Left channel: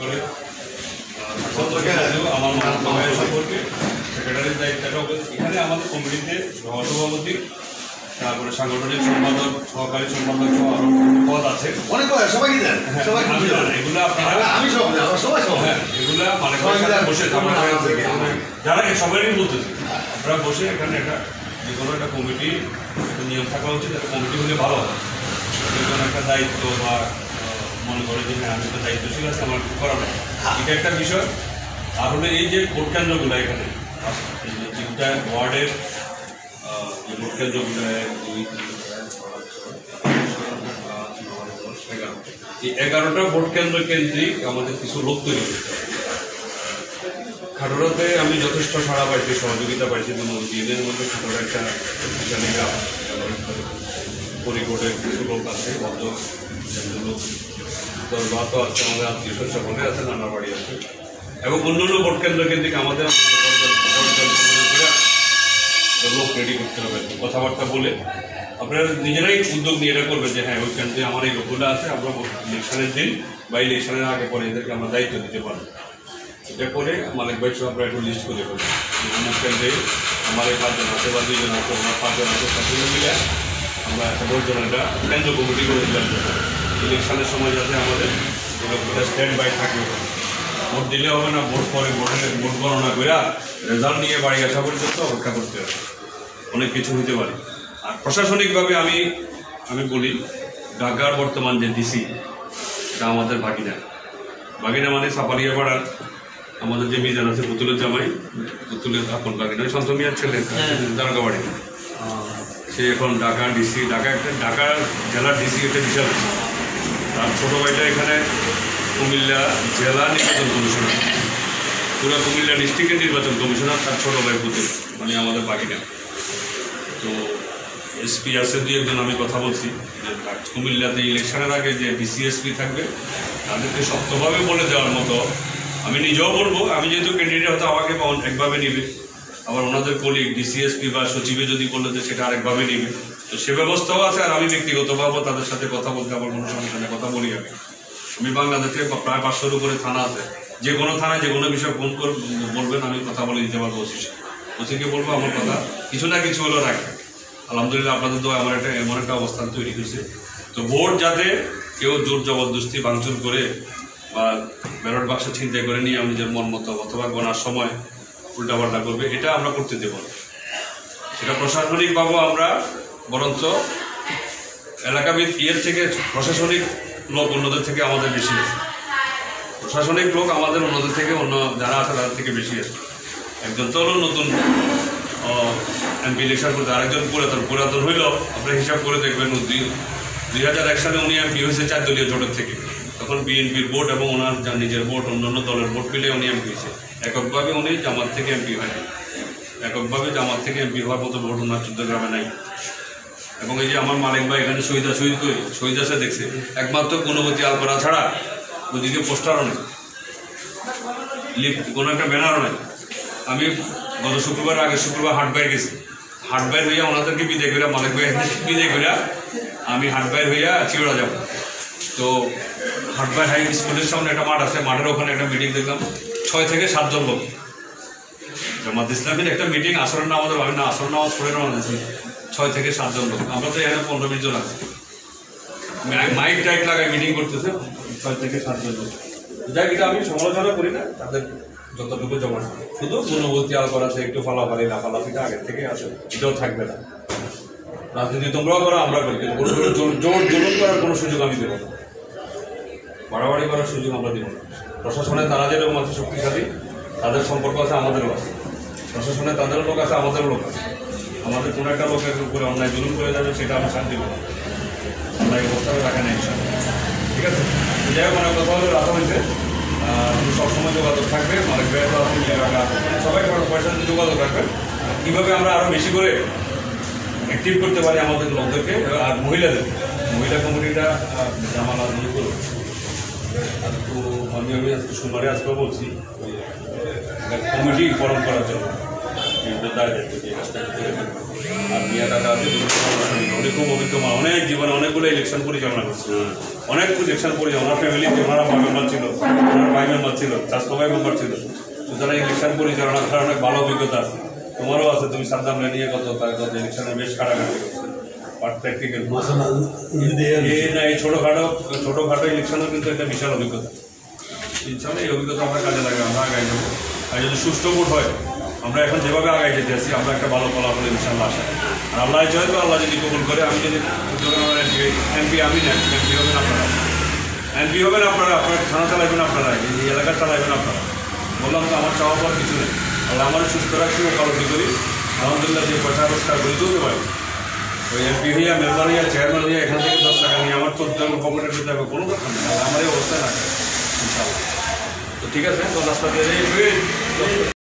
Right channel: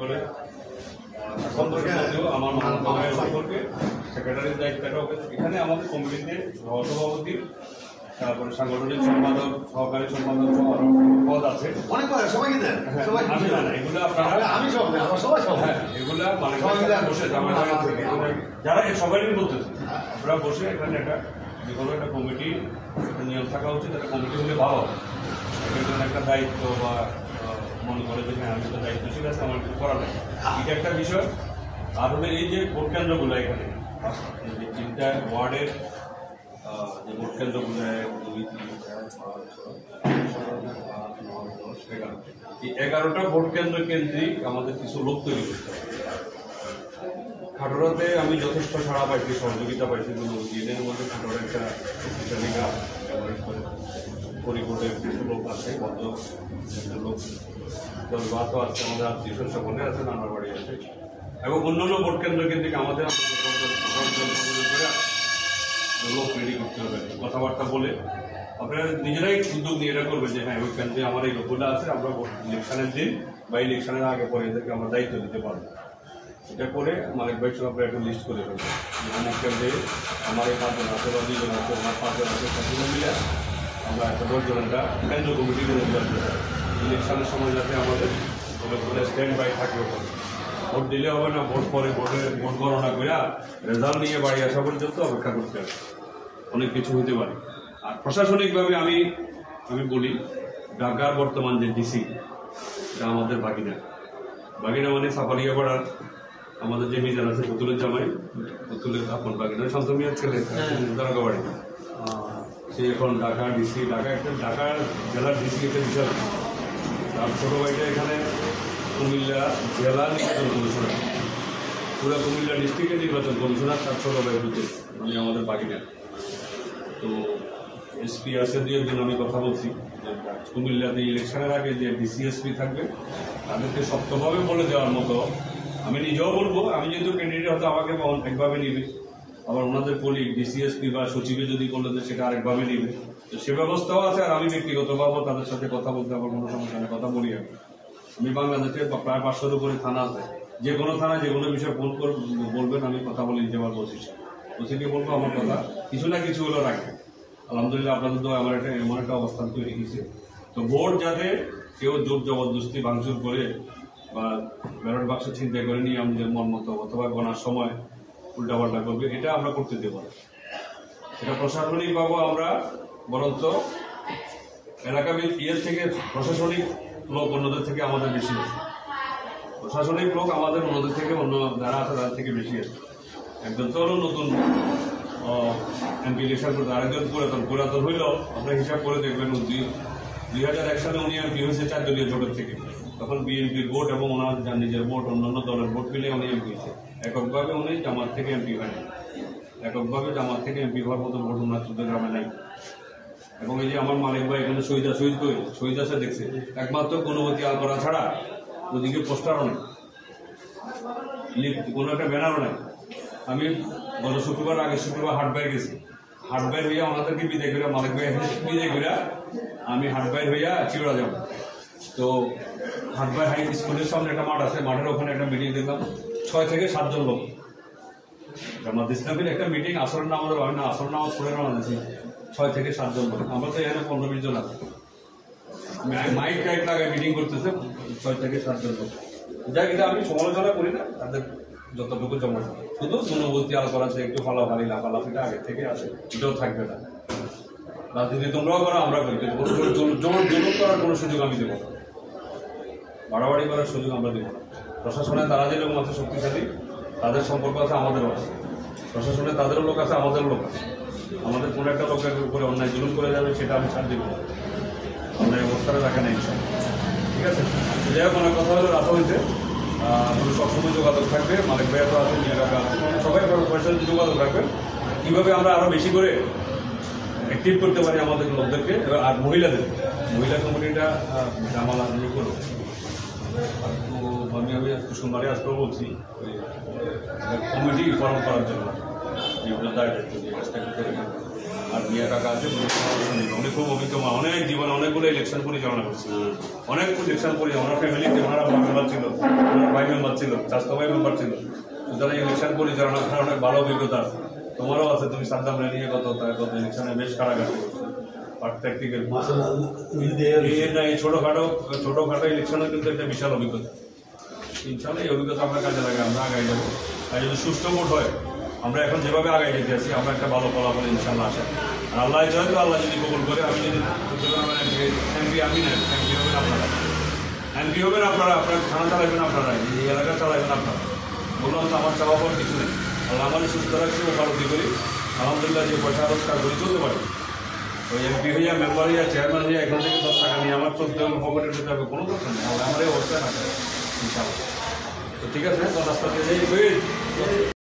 করে আমার সম্পর্কে সেক্রেটারির দায়িত্বটা এখানে আমাদের কমিটিতে সহসভাপতি, তারপরে সাংগঠনিক সম্পাদক, সহকারী সম্পাদক আরো পদ আছে, অনেক সবাই দেন। আমি এগুলো আপনারা এগুলা মানে বসে যারা সবাই বলতেছে আপনারা বসে এখানে একটা যে কোনো একটা কমিটি নিয়ম থাকা উচিত, একটা কমিটি হলে ভালো হয়। একটা দায়িত্ব বা মনে করে যে হ্যাঁ আমি তো দায়িত্বশীল আছে, আমার করা নেই, এটা একটা বিষয়। আর হলে এই যে ভোট কেন্দ্রগুলো এখানে এই যে 3টা ওয়ার্ডের যে ভোট কেন্দ্রগুলো 11টা ভোট কেন্দ্র কেন্দ্রিক আমাদের কিছু লোক তৈরি করতে হবে। খাটোড়াতে আমি যথেষ্ট সাড়া পাইছি, সহযোগিতা পাইছি, দিনের মধ্যে খাটোড়া একটা পরিকোটের কিছু লোক আছে, ভদ্র লোক দরবারও আছে, আমাদের আত্মীয় সকলে আছে, নানা বাড়ি আছে, এবং অন্যান্য ভোট কেন্দ্র কেন্দ্রিক আমাদের লোক রেডি করতে হবে। কথাবার্তা বলে আপনারা নিজেরাই উদ্যোগ নিয়ে এটা করবেন যে হ্যাঁ ওই কেন্দ্রে আমার এই লোকগুলো আছে, আমরা ইলেকশনের দিন বা ইলেকশনের আগে পরে এদেরকে আমরা দায়িত্ব দিতে পারবো। এটা করে মালিক ভাই সব আমরা একটু লিস্ট করে ফেলবো যে অনেক কেন্দ্রে আমার এই 5 জন আছে বা 2 জন আছে, আমরা 5 জন আছে, 5 জন মিলে আমরা একটা বলছিলাম এটা কেন্দ্র কমিটি করে দিলাম ইলেকশনের সময় যাতে আমাদের লোকগুলো স্ট্যান্ড বাই থাকে। ভোট দিলে হবে না, ভোট পরে ভোট গণনা করে রেজাল্ট নিয়ে বাড়ি আসা পর্যন্ত অপেক্ষা করতে হবে, অনেক কিছু হতে পারে। আর প্রশাসনিকভাবে আমি বলি ঢাকার বর্তমান যে ডিসি এটা আমাদের ভাগিনা মানে সাপালিয়াপাড়ার আমাদের যে মিজান আছে পুতুলের জামাই, পুতুলের আপন ভাগিনা শান্তমিয়ার ছেলে দারোগাবাড়ি, সে এখন ঢাকা ডিসি, ঢাকা জেলার ডিসি একটা বিশাল। তার ছোটো ভাইটা এখানে কুমিল্লা জেলা নির্বাচন কমিশনার, পুরো কুমিল্লা ডিস্ট্রিক্টের নির্বাচন কমিশনার, তার ছোটো ভাই পুতুল মানে আমাদের বাকিটা। তো এসপি আছে 2-1 আমি কথা বলছি কুমিল্লাতে ইলেকশনের আগে যে ডিসিএসপি থাকবে তাদেরকে শক্তভাবে বলে দেওয়ার মতো, আমি নিজেও বলবো, আমি যেহেতু ক্যান্ডিডেট হয়তো আমাকে একভাবে নেবে, আবার ওনাদের কলিগ ডিসিএসপি বা সচিবে যদি বলে যে সেটা আরেকভাবে নেবে, তো সে ব্যবস্থাও আছে। আর আমি ব্যক্তিগতভাবে তাদের সাথে কথা বলতে আমার কোনো সমস্যা নেই, কথা বলি। আমি বাংলাদেশে প্রায় 500-এর উপরে থানা আছে, যে কোনো থানায় যে কোনো বিষয়ে ফোন করে বলবেন, আমি কথা বলে দিতে পারবো। ওসিকে বলবো আমার কথা কিছু না কিছু হলেও রাখবে। আলহামদুলিল্লাহ আপনাদের তো আমার একটা এমন একটা অবস্থান তৈরি হয়েছে। তো ভোট যাতে কেউ জোর জবরদস্তি ভাঙচুর করে বা ব্যালট বাক্স ছিনতাই করে নিয়ে আমি নিজের মন মতো অথবা গণার সময় উল্টাপাল্টা করবে, এটা আমরা করতে দেব না। সেটা প্রশাসনিকভাবে আমরা বরঞ্চ এলাকাবিদ থেকে প্রশাসনিক লোক অন্যদের থেকে আমাদের বেশি, প্রশাসনিক লোক আমাদের অন্যদের থেকে, অন্য যারা আছে তাদের থেকে বেশি আছে। একজন তো হলো নতুন এমপি ইলেকশন করতে, আরেকজন পুরাতন হইল। আপনারা হিসাব করে দেখবেন 2001 সালে উনি এমপি হয়েছে 4 দলীয় জোটের থেকে, তখন বিএনপির ভোট এবং ওনার নিজের ভোট অন্যান্য দলের ভোট মিলে উনি এমপি হয়েছে। এককভাবে উনি জামাত থেকে এমপি হয়নি, এককভাবে জামাত থেকে এমপি হওয়ার মতো ভোট ওনার 14 গ্রামে নাই। এবং এই যে আমার মালিক ভাই এখানে শহীদ আছে দেখছে, একমাত্র গুণবতী আলপাড়া ছাড়া ওইদিকে পোস্টারও নেই, কোনো একটা ব্যানারও নেই। আমি গত শুক্রবার আগের শুক্রবার হাটবাইর গেছি, হাটবাইর হইয়া ওনাদেরকে বিদায় করিয়া মালিক ভাই বিদায় করিয়া আমি হাটবাইর হইয়া চিড়া যাব। তো হাটবাইর হাই স্কুলের সামনে একটা মাঠ আছে, মাঠের ওখানে একটা মিটিং দেখলাম, 6 থেকে 7 জন লোক জামাত ইসলামের একটা মিটিং। আসরের নামাজ ভাবি না, আসর নামাজ পড়ে রওনা দিয়েছি, 6 থেকে 7 জন লোক। আমরা তো এখানে 15-20 জন আছি, মাইক টাইক লাগায় মিটিং করতেছে, 6 থেকে 7 জন লোক। যাই এটা আমি সমালোচনা করি না, তাদের যতটুকু জমা, শুধু গুণবতী আলপাড়া আছে, একটু ফালাফালি লাফালাফিটা আগের থেকে আছে, এটাও থাকবে না। রাজনীতি তোমরাও করো, আমরা করি, কিন্তু কোনো জোর জুলুম করার কোনো সুযোগ আমি দেবো না, বাড়াবাড়ি করার সুযোগ আমরা দেবো না। প্রশাসনে তারা যেরকম আছে শক্তিশালী, তাদের সম্পর্ক আছে, আমাদেরও আছে। প্রশাসনে তাদেরও লোক আছে, আমাদেরও লোক আছে। আমাদের কোনো একটা লোকের উপরে অন্যায় জুলুম করে যাবে, সেটা আমি শান্তি করবো, আমরা এই অবস্থাটা রাখে না ইনশাল্লাহ। ঠিক আছে, যাই হোক অনেক কথা হলে রাত হয়েছে, সবসময় যোগাযোগ থাকবে, মালিক ভাইয়া তো আছে, সবাই পয়সা যোগাযোগ রাখবেন, কীভাবে আমরা আরও বেশি করে অ্যাক্টিভ করতে পারি আমাদের লোকদেরকে। আর মহিলা কমিটিটা জামালা দিয়ে করবো। তো আমি আজকে সোমবারে আজকে বলছি কমিটি ফর্ম করার জন্য এইটা দায়িত্ব দিয়ে কাজটা করতে হবে। আর মিয়া কাকা আছে উনি খুব অভিজ্ঞ মানুষ, অনেক জীবনে অনেকগুলো ইলেকশন পরিচালনা করছে, অনেক ইলেকশন পরিচালনা, ওনার ফ্যামিলিতে ওনারা মেম্বার ছিল, ওনার ভাই মেম্বার ছিল, স্বাস্থ্য ভাই মেম্বার ছিল, সুতরাং ইলেকশন পরিচালনা করার অনেক ভালো অভিজ্ঞতা আছে। তোমারও আছে, তুমি সাদ্দাম নিয়ে কত ইলেকশনে বেশ কাটাকাটি প্র্যাকটিক্যাল এই ছোটোখাটো ইলেকশনও কিন্তু একটা বিশাল অভিজ্ঞতা। ইনশাল্লাহ এই অভিজ্ঞতা আমরা কাজে লাগে, আমরা আগাই যাবো। আর যদি সুস্থ ভোট হয়, আমরা এখন যেভাবে আগাই যেতে আসি, আমরা একটা ভালো ফলাফল ইনশাল্লাহ আসে। আর আল্লাহ যেহেতু আল্লাহ যদি কবুল করে, আমি যদি এমপি আমি না, এমপি হবেন আপনারা, এমপি হবেন আপনারা, আপনার থানা চালাবেন আপনারা, এই এলাকা চালাবেন আপনারা। বললাম তো আমার চাওয়া পাওয়ার কিছু নেই, আল্লাহ আমাদের সুস্থ রাখছি, উপলব্ধি করি, আলহামদুলিল্লাহ যে পয়সা রোজগার করি চলতে পারি। ওই এমপি হইয়া, মেম্বার হইয়া, চেয়ারম্যান হইয়া এখান থেকে 10 টাকা নিয়ে আমার চলতে হবে, পকেটে দিতে হবে, কোনো কথা নেই। আমার এই অবস্থা রাখে ইনশাআল্লাহ। ঠিক আছে, তো রাস্তা দিয়ে